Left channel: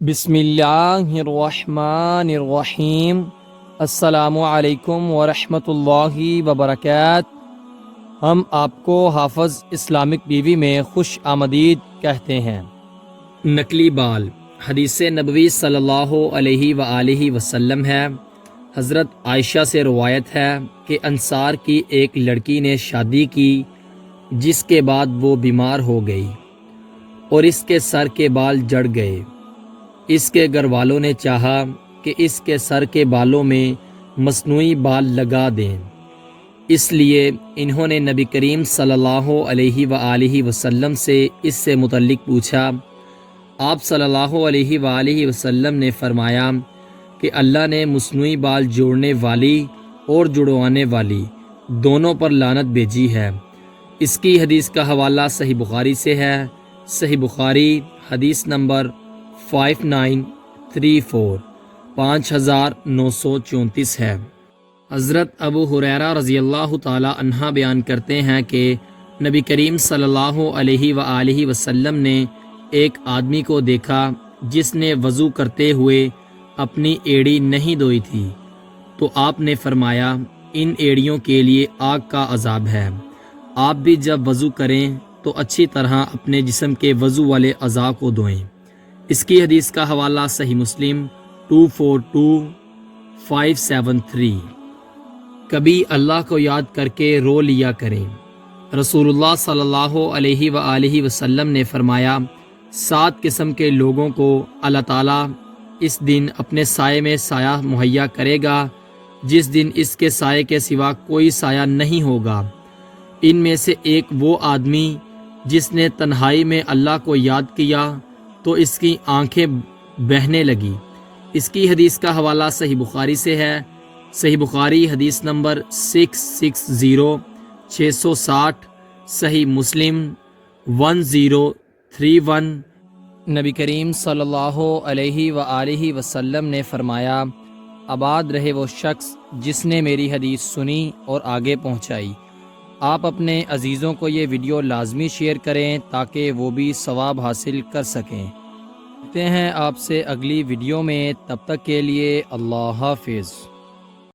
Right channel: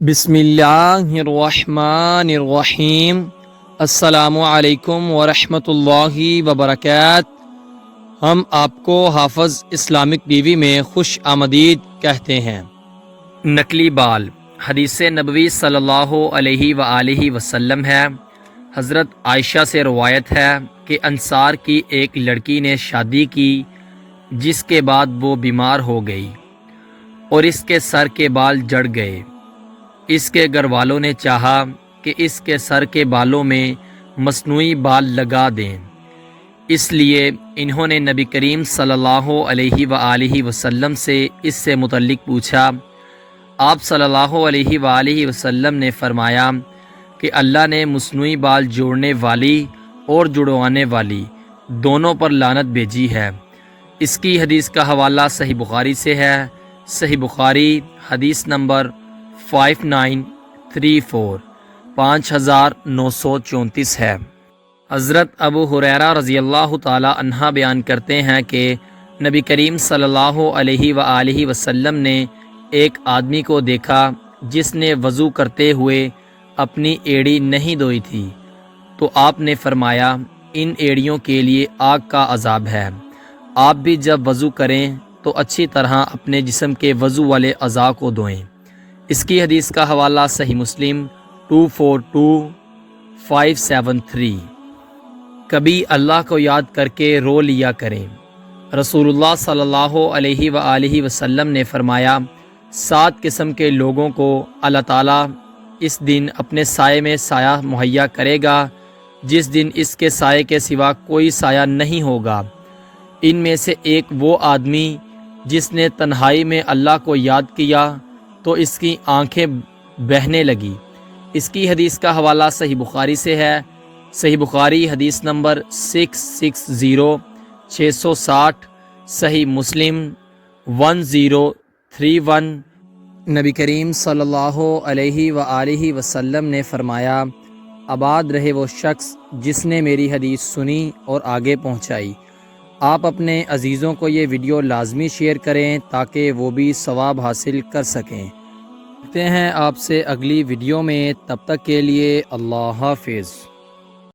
بسم اللہ الرحمن الرحیم۔ السلام علیکم ورحمۃ اللہ وبرکاتہ۔ ہم آپ کو حافظ اسلامک ٹی وی میں خوش آمدید کہتے ہیں۔ نقلی بال حدیث نبوی صلی اللہ علیہ وآلہ وسلم ہے۔ حضرت عائشہ سے روایت ہے کہ انصار کی ایک لڑکی نے شادی کی جس کے بعد وہ بیمار ہو گئی اور اس کے سر کے بال جڑ گئے۔ اس کے گھر والوں نے چاہا کہ اس کے سر کے بالوں میں مصنوعی بال لگا دیں، اس لیے انہوں نے نبی کریم صلی اللہ علیہ وآلہ وسلم سے اس سے متعلق پوچھا۔ آپ صلی اللہ علیہ وآلہ وسلم نے فرمایا کہ اللہ نے مصنوعی بال جوڑنے والی اور جڑوانے والی دونوں پر لعنت بھیجی ہے۔ اس کی حدیث کا حوالہ صحیح بخاری سے ہے۔ صحیح بخاری حدیث نمبر 5934 5934 ہے۔ حضرت ابو ہریرہ رضی اللہ تعالی عنہ بیان کرتے ہیں کہ نبی کریم صلی اللہ علیہ وآلہ وسلم نے ایک آدمی کو دیکھا جس نے وضو کرتے ہوئے اپنی ایڑی نہیں دھوئی تھی، تو آپ نے فرمایا ان ایڑیوں کے لیے آگ کا عذاب ہے۔ آپ بھی جب وضو کریں تو اچھی طرح اپنے جسم کے وضو والے اعضاء کو دھوئیں۔ اس کی حدیث کا حوالہ صحیح مسلم 242573۔ کبھی اللہ کو یاد کر کے رو لیا کریں۔ رسول اللہ صلی اللہ علیہ وآلہ وسلم نے فرمایا 7 قسم کے لوگوں کو اللہ تعالیٰ اس دن اپنے سائے میں سایہ مہیا کرے گا جس دن اس کے سائے کے سوا کوئی سایہ نہیں ہوگا۔ ان میں سے ایک وہ آدمی جس نے تنہائی میں اللہ کو یاد کیا تو اس کی آنکھیں بہنے لگی۔ اس کی حدیث کا حوالہ صحیح بخاری سے ہے۔ صحیح بخاری حدیث نمبر 660 صحیح مسلم 1031۔ نبی کریم صلی اللہ علیہ وآلہ وسلم نے فرمایا آباد رہے وہ شخص جس نے میری حدیث سنی اور آگے پہنچائی۔ آپ اپنے عزیزوں کو یہ ویڈیو لازمی شیئر کریں تاکہ وہ بھی ثواب حاصل کر سکیں۔ ملتے ہیں آپ سے اگلی ویڈیو میں، تب تک کے لیے اللہ حافظ۔